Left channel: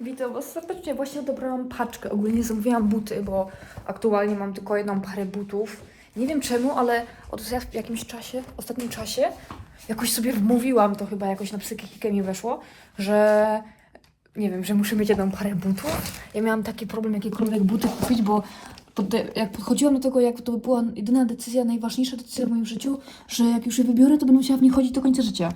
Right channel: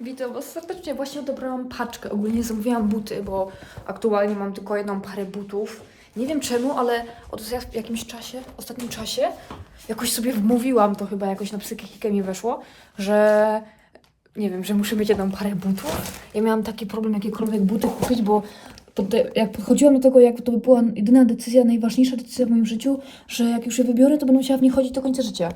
Witam Was serdecznie. Właśnie odebrałam paczkę. Ogólnie zamówiłam buty, bo aktualnie mam tylko jedną parę butów. Nie wiem czemu, ale od w jakimś czasie, ostatnim czasie, jakoś sobie wmówiłam, to chyba jakoś na psychikę mi weszło, że nie wiem, że muszę mieć jedną parę butów. Ja miałam taki problem, jakiekolwiek buty kupić, bo podde- jak podchodziłam do tego, jak to była jedyna decyzja, najważniejsza decyzja w moim życiu, że jak już je wybiorę, to będę musiała w nich chodzić do końca życia.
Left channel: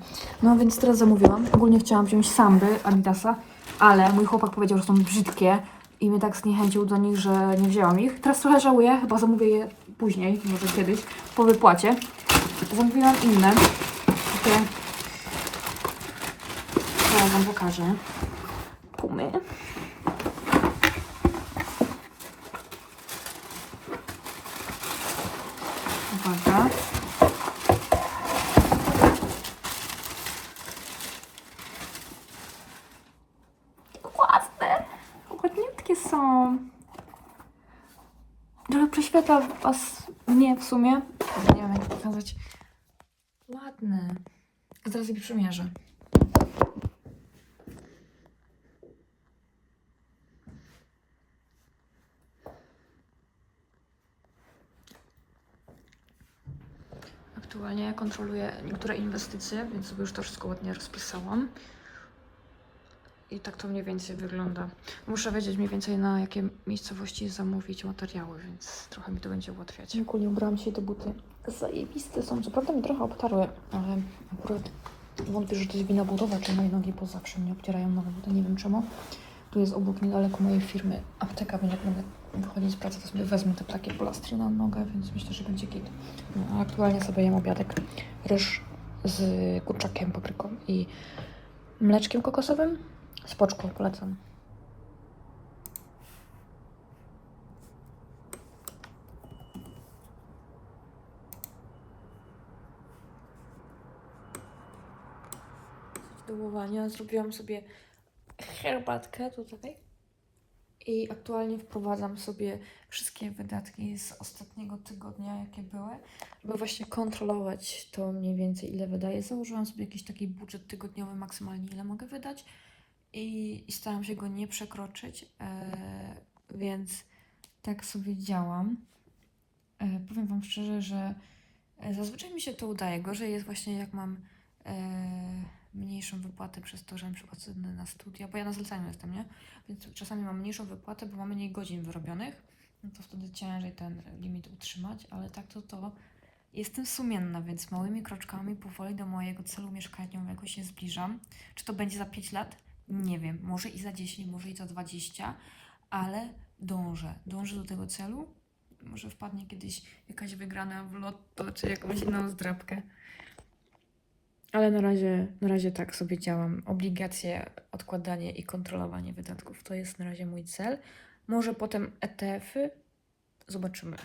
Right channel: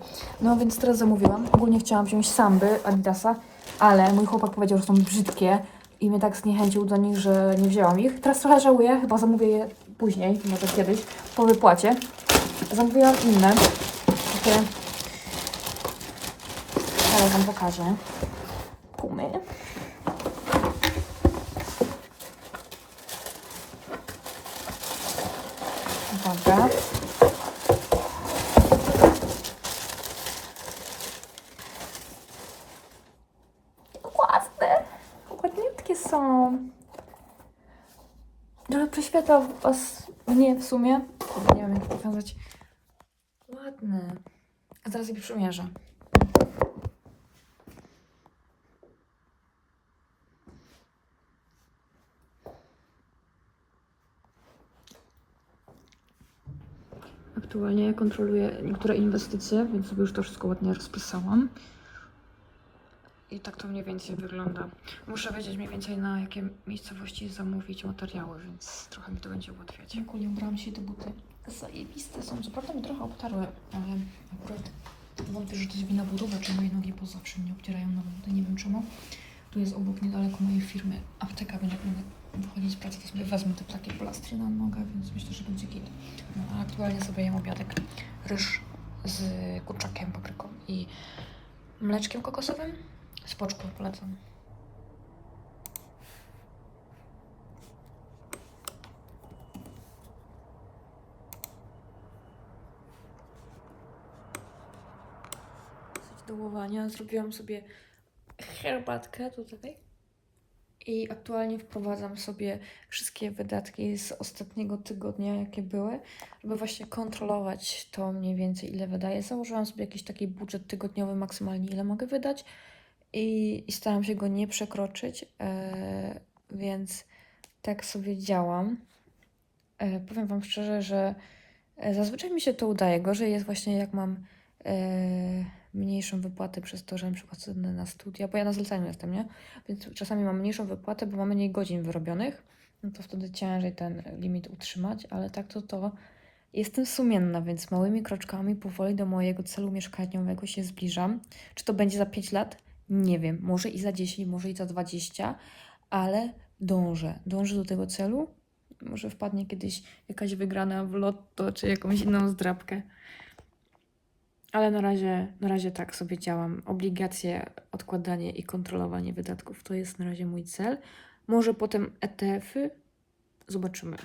No więc teraz zamówiłam. Ogólnie chciałam wziąć samby Adidasa, ale mój chłopak powiedział, że są brzydkie i mnie tak zniechęcił do nich, że nie wzięłam ich. Teraz trochę żałuję, chyba zamówię je później, może kiedyś, po wypłacie. Zamówiłam inne, takie... Zaraz wam pokażę. Pumy. Uwaga. Są. Trochę prześwietla was mnie w sumie. Nie wiem jak to pokazać. Ładne. A zaraz je przymierzę. Aktualnie kontroluję niektóre inwestycje, więc sobie już to wszystko ładnie rozpisałam. I tak to mniej więcej wygląda. Muszę wiedzieć mniej więcej na jakie miejscowości zamówić materiały, więc trochę mi to będzie ułatwiać. Ogólnie ubrałam się te buty. Zajebiste są. Co prawda mi trochę obtarły, ale akurat wątpię, że to jest wina budowa, czy moje nogi, bo zawsze mnie obcierają nowe buty. Nie wiem czemu. Tu jest obok niedaleko mojej firmy apteka, więc jak będę wychodzić z pracy, to sobie wezmę te takie plastry na nogę, więc myślę, że będzie git. No, a aktualnie sobie jem obiadek. Ryż z kurczakiem, papryką i mleczkiem kokosowym. Spoczko polecam. Do umywania zrobiłam sobie herbatkę tutaj. I aktualnie wprowadzam sobie wszystkie wydatki z ostatniego tygodnia, jakie były, żeby właśnie kontrolować to mniej więcej, ile wydaję. Założyłam sobie jakiś taki budżet tygodniowy, maksymalnie ile mogę wydać i, staram się go nie przekroczyć, e, więc tak sobie działam. E, powiem Wam szczerze, że e, zazwyczaj mi się to udaje. Gorzej jest właśnie jak mam mniejszą wypłatę przez to, że na przykład na studia, bo ja na zleceniu jestem, nie? Więc czasami mam mniejszą wypłatę, bo mam mniej godzin wyrobionych, no to wtedy ciężej ten limit utrzymać, ale tak to to jestem sumienna, więc małymi kroczkami powoli do mojego celu mieszkaniowego się zbliżam. Czy to będzie za 5 lat? Nie wiem, może i za 10, może i za 20, ale dążę, dążę do tego celu. Może wpadnie kiedyś jakaś wygrana w lotto, czy jakąś inną zdrabkę. Ale na razie, na razie tak sobie działam. Obligacje, odkładanie i kontrolowanie wydatków to jest na razie mój cel. Może potem ETF-y. Zobaczymy.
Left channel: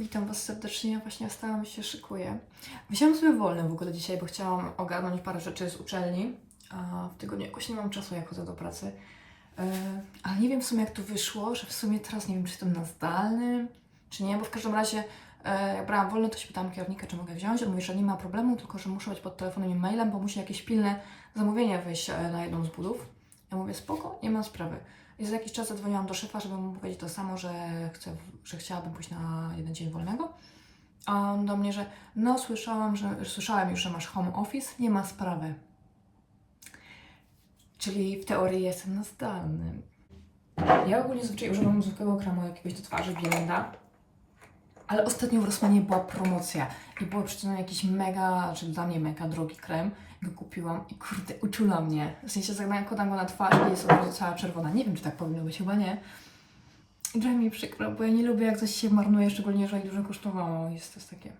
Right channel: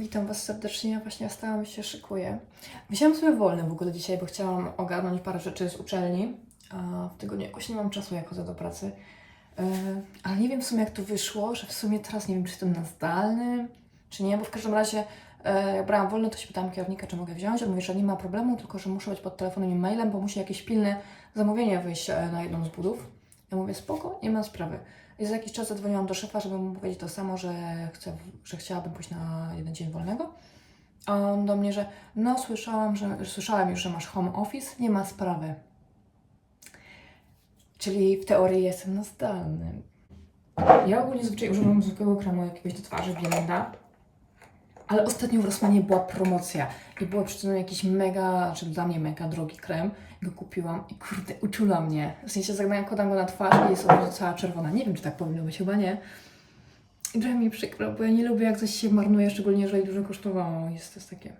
Witam Was serdecznie. Ja właśnie stałam się szykuję. Wzięłam sobie wolny w ogóle dzisiaj, bo chciałam ogarnąć parę rzeczy z uczelni. A w tygodniu jakoś nie mam czasu, jak chodzę do pracy. Yy, ale nie wiem w sumie, jak to wyszło, że w sumie teraz nie wiem, czy jestem na zdalnym, czy nie, bo w każdym razie yy, jak brałam wolny, to się pytałam kierownika, czy mogę wziąć. On mówi, że nie ma problemu, tylko że muszę być pod telefonem i mailem, bo musi jakieś pilne zamówienie wyjść e, na jedną z budów. Ja mówię, spoko, nie ma sprawy. I za jakiś czas zadzwoniłam do szefa, żeby mu powiedzieć to samo, że, chcę, że chciałabym pójść na jeden dzień wolnego. A on do mnie, że no słyszałam, że, słyszałam już, że masz home office, nie ma sprawy. Czyli w teorii jestem na zdalnym. Ja ogólnie zwyczaj używam zwykłego kremu jakiegoś do twarzy Bielenda. Ale ostatnio w Rossmanie była promocja i było przyczyną jakiś mega, czy dla mnie mega drogi krem. Go kupiłam i kurde, uczula mnie. W sensie zakładam go na twarz i jest od razu cała czerwona. Nie wiem, czy tak powinno być, chyba nie. I trochę mi przykro, bo ja nie lubię jak coś się marnuje, szczególnie jeżeli dużo kosztowało. Jest to takie...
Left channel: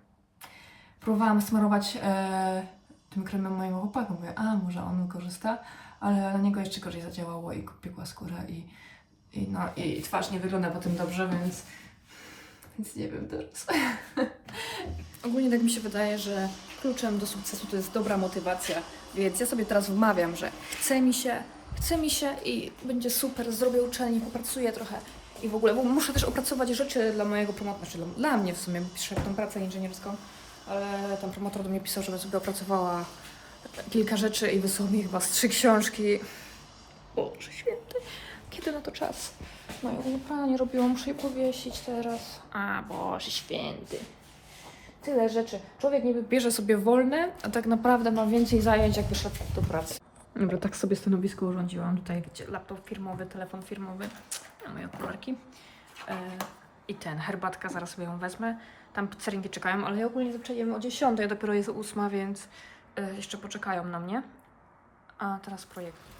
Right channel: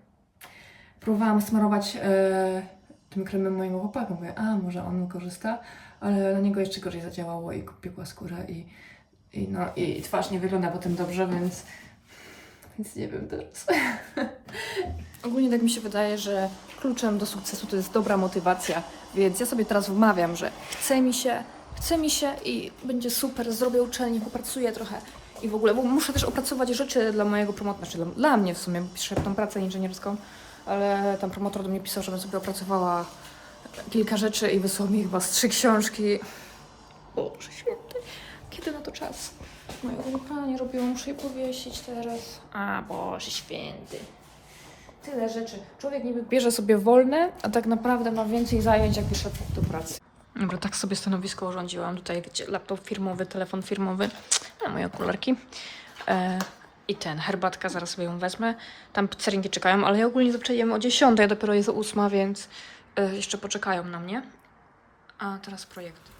Próbowałam smarować e, tym kremem mojemu chłopaku. Mówię, a może on korzysta, ale na niego jeszcze gorzej zadziałało i kupiła skórę i, i, no, i twarz nie wygląda potem dobrze, więc więc nie wiem teraz. Ogólnie tak mi się wydaje, że kluczem do sukcesu to jest dobra motywacja. Więc ja sobie teraz wmawiam, że chce mi się, chce mi się i będzie super, zrobię uczelnię, popracuję trochę i w ogóle, bo muszę też opracować rzeczy dla mojego promotora, znaczy dla, dla mnie w sumie, bo piszę tą pracę inżynierską, ale ten promotor do mnie pisał, żebym sobie opracowała kilka rzeczy i wysłał mi chyba z trzy książki. Boże święty, kiedy na to czas? No ja pranie robiłam, muszę je powiesić teraz. A, Boże święty. Tyle rzeczy. Człowiek niby bierze sobie wolne, a tak naprawdę ma więcej zajęć, jakby szedł do pracy. Dobra, tak sobie stanowisko urządziłam. Tutaj, wiecie, laptop firmowy, telefon firmowy, a moje okularki. E, I ten, herbatka, zaraz sobie ją wezmę. Tam pizzerinki czekają, ale ja ogólnie zaczęliśmy o 10, a dopiero jest 8, więc e, jeszcze poczekają na mnie. A teraz projekty.